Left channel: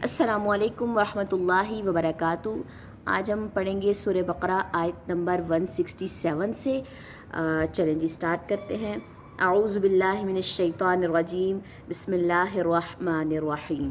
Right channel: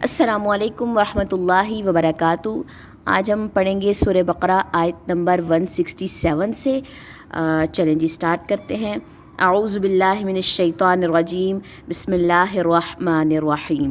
السلام علیکم ورحمۃ اللہ وبرکاتہ۔ آج ہم پڑھیں گے سورہ بقرہ آیت نمبر 167 سے۔ چلیں جی سٹارٹ کرتے ہیں۔ اعوذ باللہ من الشیطان الرجیم، بسم اللہ الرحمن الرحیم۔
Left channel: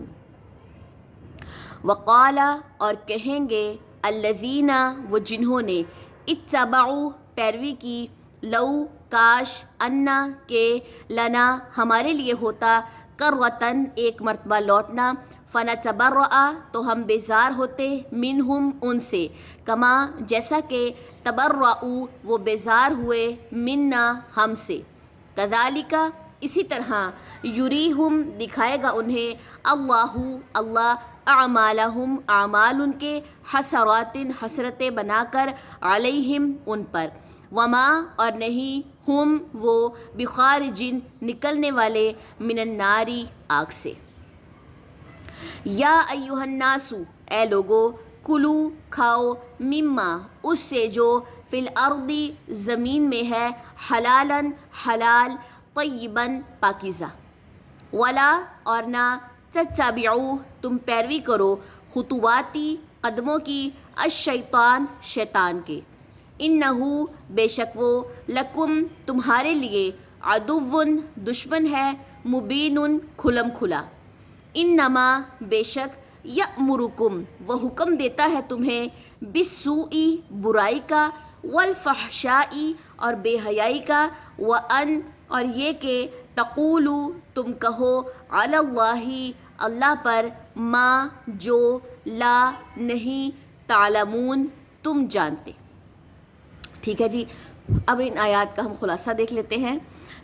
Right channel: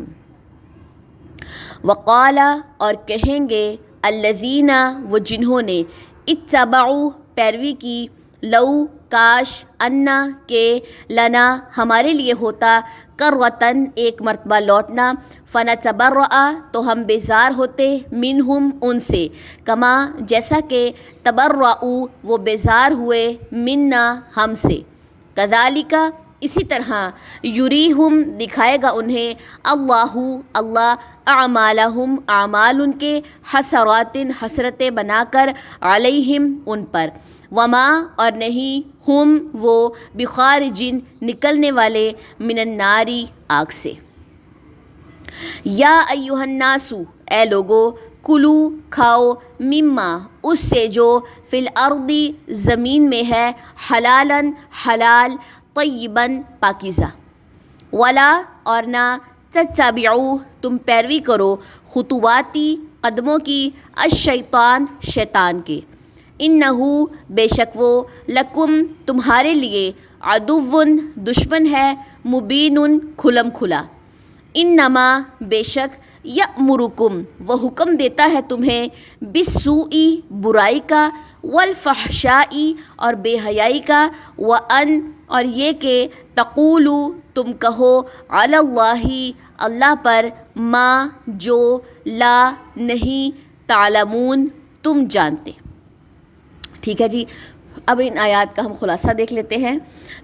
وقال، اور کہیں گے، الذین، وہ جنہوں نے، اتبعوا، پیروی کی، لو، کاش، انا، کہ، لنا، ہمارے لیے ہوتا، کرۃن، ایک مرتبہ لوٹنا، فنتبرأ، تو ہم بیزار ہوتے، منہم، ان سے، کما، جیسا کہ، تبرؤ، وہ بیزار ہوئے، منا، ہم سے، کذالک، اسی طرح، یریہم، دکھائے گا انہیں، اللہ اعمالہم، اعمال ان کے، حسرات، حسرتیں بنا کر، علیہم، ان پر، وما، اور نہیں، ہم، وہ، بخارجین، نکلنے والے، من الناری، آگ سے۔ یا ایہا الناس، اے لوگو، کلو، کھاؤ، مما، اس سے جو، فی الارض، زمین میں ہے، حلالن، حلال، طیباً، پاکیزہ، ولا، اور نہ، تتبعوا، تم پیروی کرو، خطواتی، قدموں کی، الشیطان، شیطان کے، انہو، بے شک وہ، لکم، تمہارے لیے، عدوٌ، دشمن ہے، مبین، کھلم کھلا، انما، بے شک، یأمرکم، وہ حکم دیتا ہے تمہیں، بالسوء، برائی کا، والفحشاء، اور بے حیائی کا، وان، اور یہ کہ، تقولو، تم کہو، علی اللہ، اللہ پر، ما، جو، لا، نہیں، تعلمون، تم جانتے۔ ٹھیک ہے جی، اب ان آیات کا ہم خلاصہ دیکھ لیتے ہیں۔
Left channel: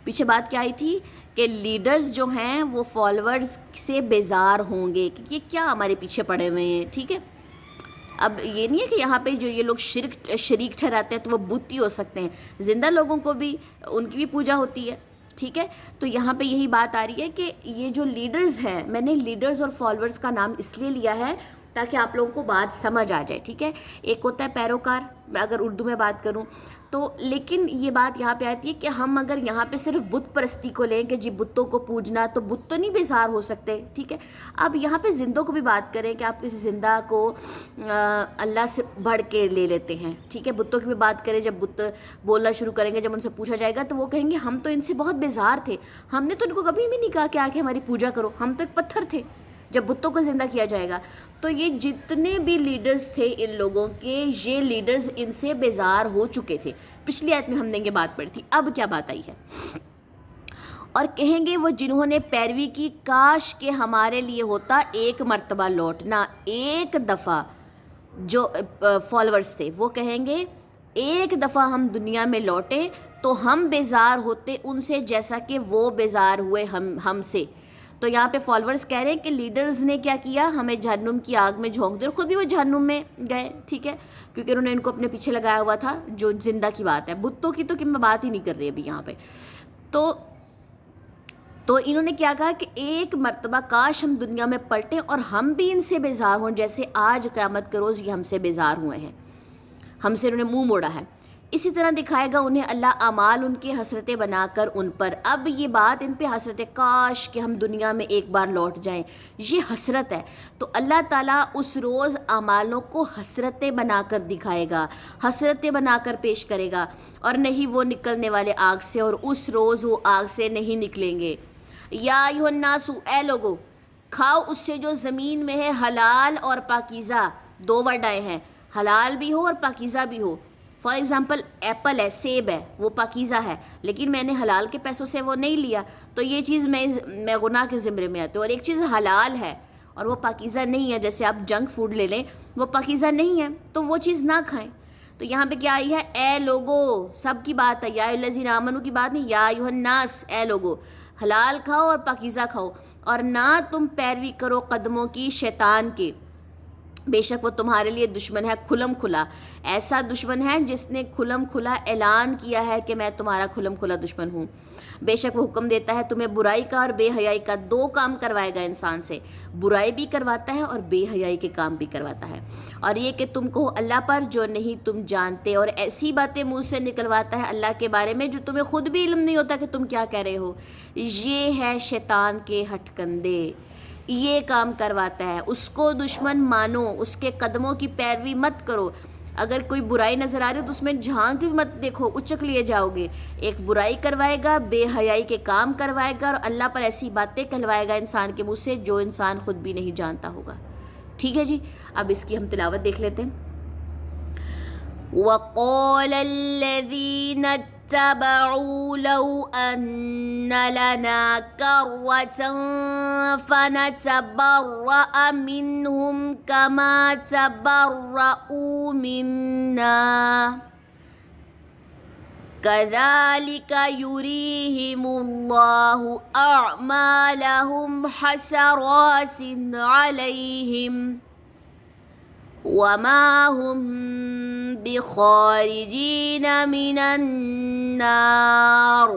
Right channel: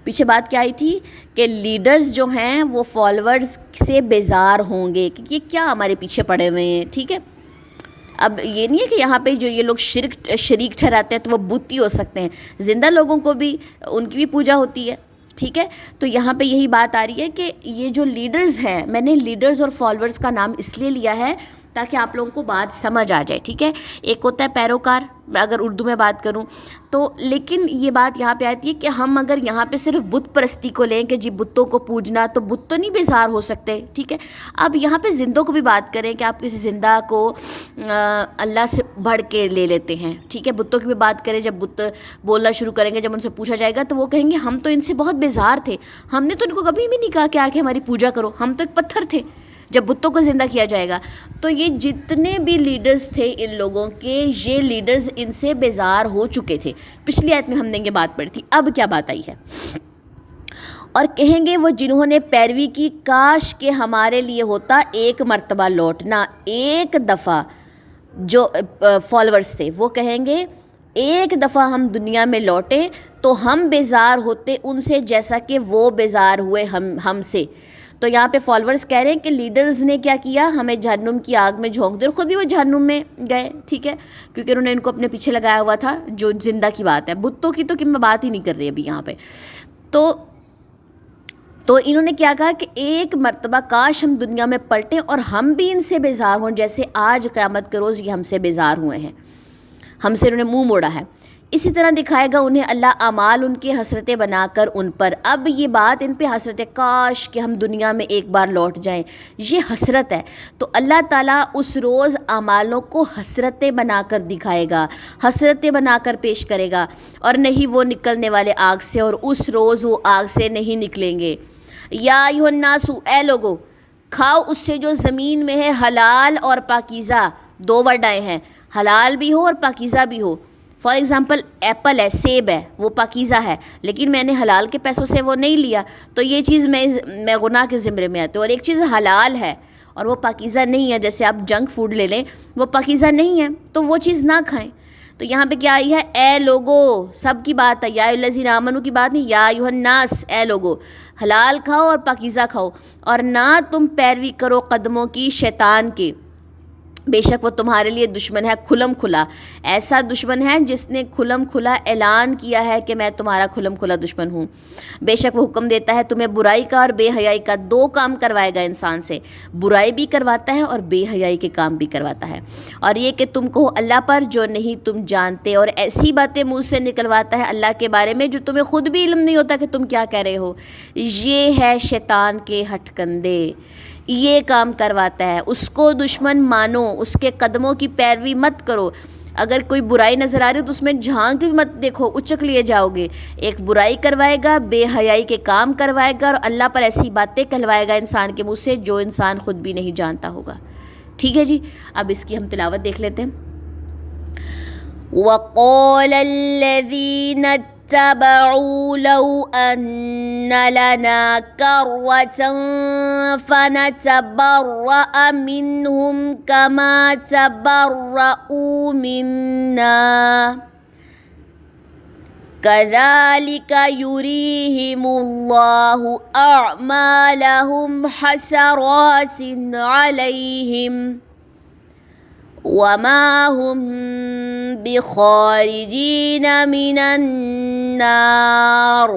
پیچھے بات کیا آئی تھی کہ لیڈرز جو ہیں وہ فالورز سے بیزار ہوں گے کہ یہ کیا ہمارے پیچھے پڑے ہوئے ہیں۔ ٹھیک ہے، اب یہ نہیں ہے کہ یہاں پہ جو یہ لوگ شریک ٹھہراتے ہیں تو وہ بت ہی ہو سکتے ہیں، زندہ لوگوں کو بھی ان کی بھی پوجا ہوتی ہے۔ ٹھیک ہے، تو یہاں پہ یہی بات آ رہی ہے کہ یہ جو لیڈرز ہیں، میں نے لیڈرز اور فالورز کا نام اس لیے لیا ہے تاکہ آپ لوگوں کو بات سمجھ آ جائے۔ ٹھیک ہے، ایک ہوتا ہے پیروکار، اگر اردو میں بات کروں تو، لیکن یہ بات یہاں پہ آتی ہے کہ ہم اگر یہاں پہ صرف بت پرستی کو لیں کہ جی بتوں کو پوجنا، تو بت تو نہیں بیزار ہو سکتے۔ ٹھیک ہے، اب یہاں پہ زندوں کو بھی بات کریں کہ آپ کسی زندہ کو اللہ سے بڑھ کے لے لیتے ہیں۔ ٹھیک ہے، بتوں کی بھی بات کریں، جب بت بولنا شروع کریں گے، جب ان سے پوچھا جائے گا تو وہ کہیں گے ہم تو ان سے بہت بیزار تھے، ہم نے تو ان کو کبھی بھی نہیں کہا کہ آ کے ہماری پوجا کرو، ہم تو ایک پتھر تھے۔ جب بتوں کو زندہ کیا جائے گا تو یہ جتنے بھی لیڈرز تھے ان لوگوں کے، یہ لیڈرز ان سے بیزار ہو چکے تھے۔ پچھلی آیت میں ہم نے یہ بات پڑھی تھی۔ اب کیا بات آئی ہے، اور کہیں گے وہ جنہوں نے پیروی کی، کاش کہ ہمارے لیے ہوتا ایک مرتبہ لوٹنا، ایک دفعہ، جو فالورز تھے وہ کہیں گے ایک دفعہ ہم دنیا میں لوٹیں تو ہم بیزار ہوتے ان سے جیسا کہ وہ بیزار ہوئے ہم سے۔ تو یہاں پہ فالورز کہہ رہے ہیں کہ لیڈرز نے کیا کیا، ہمیں جہنم کی آگ میں جھونک دیا، اور خود بھی وہ جہنم میں گئے۔ ٹھیک ہے، کیونکہ انہوں نے ان کو اپنے پیچھے لگایا ہوا تھا۔ جو زندہ کی بات ہے، بتوں کی تو کہ میں بات ہی نہیں کر رہی ابھی یہاں پہ، تو انہوں نے کیا کہا کہ ایک مرتبہ کاش ہم دنیا میں پلٹیں اور ہم بھی ان سے بیزار ہوں جیسے آج قیامت کے روز یہ ہم سے بیزار ہوئے ہیں، ہم سے انہوں نے منہ موڑا ہے۔ اسی طرح دکھائے گا انہیں اللہ اعمال ان کے، حسرتیں بنا کر ان پر۔ اب یہ بات ان پہ حسرت ہے، کاش کہ ہم دنیا میں ایک بار لوٹ جائیں، یہ حسرت ہے۔ تو اللہ تعالیٰ اس روز اعمالوں کو حسرتیں بنا کر دکھائے گا، حسرتیں بنا کر پیش کرے گا، اور نہیں وہ نکلنے والے آگ سے، اور اس روز وہ آگ سے نہیں نکلیں گے۔ یا ایھا الناس، اے لوگو، کھاؤ اس سے جو زمین میں ہے، حلال اور پاکیزہ، دو ورڈ آئے ہیں، حلال بھی ہو اور پاکیزہ بھی ہو۔ فار ایگزامپل ایپل ہے، سیب ہے، وہ پاکیزہ ہے، لیکن میں نے حلال کے پیسوں سے وہ نہیں لیا تو یہ چیز میں گناہ کے زمرے میں آتی ہوں۔ اور ایک چیز حلال ہے اور وہ پاکیزہ نہیں ہے، جیسے آپ جنک فوڈ لے لیں، وہ پاکیزہ نہیں ہے تو وہ چیز نہ کھائیں۔ تو یہاں پہ کیا آئی ہے، اے لوگو، سب کی بات ہے، یا ایھا الذین آمنوا کی بات نہیں، یا ایھا الناس، اے لوگو، حلال کھاؤ اور پاکیزہ کھاؤ، اور نہ تم پیروی کرو قدموں کی شیطان کے، بے شک وہ تمہارے لیے دشمن ہے، کھلم کھلا، ایسا دشمن ہے جس نے کھلم کھلا اعلان کیا ہے کہ میں تمہارا کھلم کھلا دشمن ہوں۔ بے شک وہ حکم دیتا ہے تمہیں برائی کا اور بے حیائی کا، دو کام کروائے گا انسان سے، برائی بھی کرواتا ہے اور بے حیائی کے کام بھی کرواتا ہے، اور یہ کہ تم کہو اللہ پر جو نہیں تم جانتے، اور ایسی باتیں منہ سے نکلواتا ہے اللہ کے بارے میں جو تمہیں خود بھی علم نہیں ہوتا کہ تم کیا کہہ رہے ہو۔ یہ ہے شیطان کے ہٹ کندے، یہ کام کرواتا ہے، اس کو دشمن مانو، اس کے قدموں کی پیروی مت کرو. اگر کوئی برائی نظر آ رہی ہو تو اس میں جھانک بھی مت دیکھو، اچک لیے جاؤ گے. ایک برائی کروائے گا، بے حیائی کے کام کروائے گا، اور اللہ پر ایسی باتیں کہلوائے گا انسان کے منہ سے جو انسان خود بھی نہیں جانتا ہوگا. ٹھیک ہے جی، اب اس کی ہم تلاوت دیکھ لیتے ہیں. وَقَالَ الَّذِينَ اتَّبَعُوا لَوْ أَنَّ لَنَا كَرَّةً فَنَتَبَرَّأَ مِنْهُمْ كَمَا تَبَرَّؤُوا مِنَّا كَذَلِكَ يُرِيهِمُ اللَّهُ أَعْمَالَهُمْ حَسَرَاتٍ عَلَيْهِمْ وَمَا هُمْ بِخَارِجِينَ مِنَ النَّارِ.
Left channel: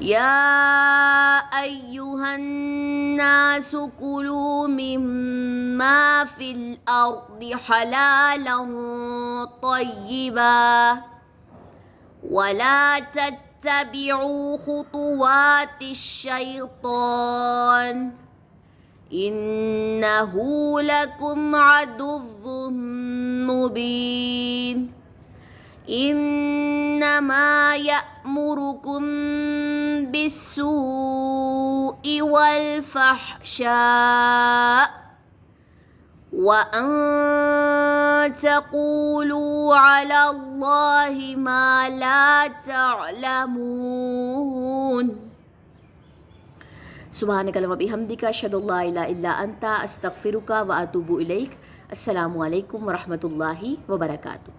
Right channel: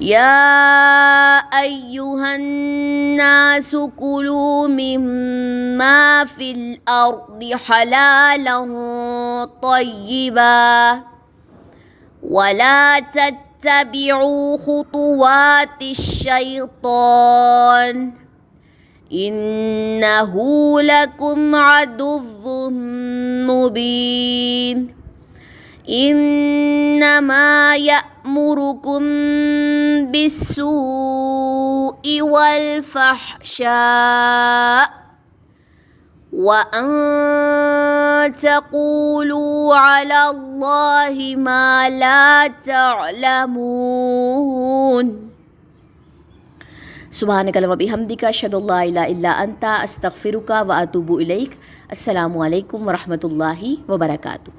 يَا أَيُّهَا النَّاسُ كُلُوا مِمَّا فِي الْأَرْضِ حَلَالًا طَيِّبًا وَلَا تَتَّبِعُوا خُطُوَاتِ الشَّيْطَانِ إِنَّهُ لَكُمْ عَدُوٌّ مُّبِينٌ. إِنَّمَا يَأْمُرُكُم بِالسُّوءِ وَالْفَحْشَاءِ وَأَن تَقُولُوا عَلَى اللَّهِ مَا لَا تَعْلَمُونَ. سبحانک اللہم و بحمدک، اشہد ان لا الہ الا انت، استغفرک و اتوب الیک. السلام علیکم ورحمۃ اللہ وبرکاتہ.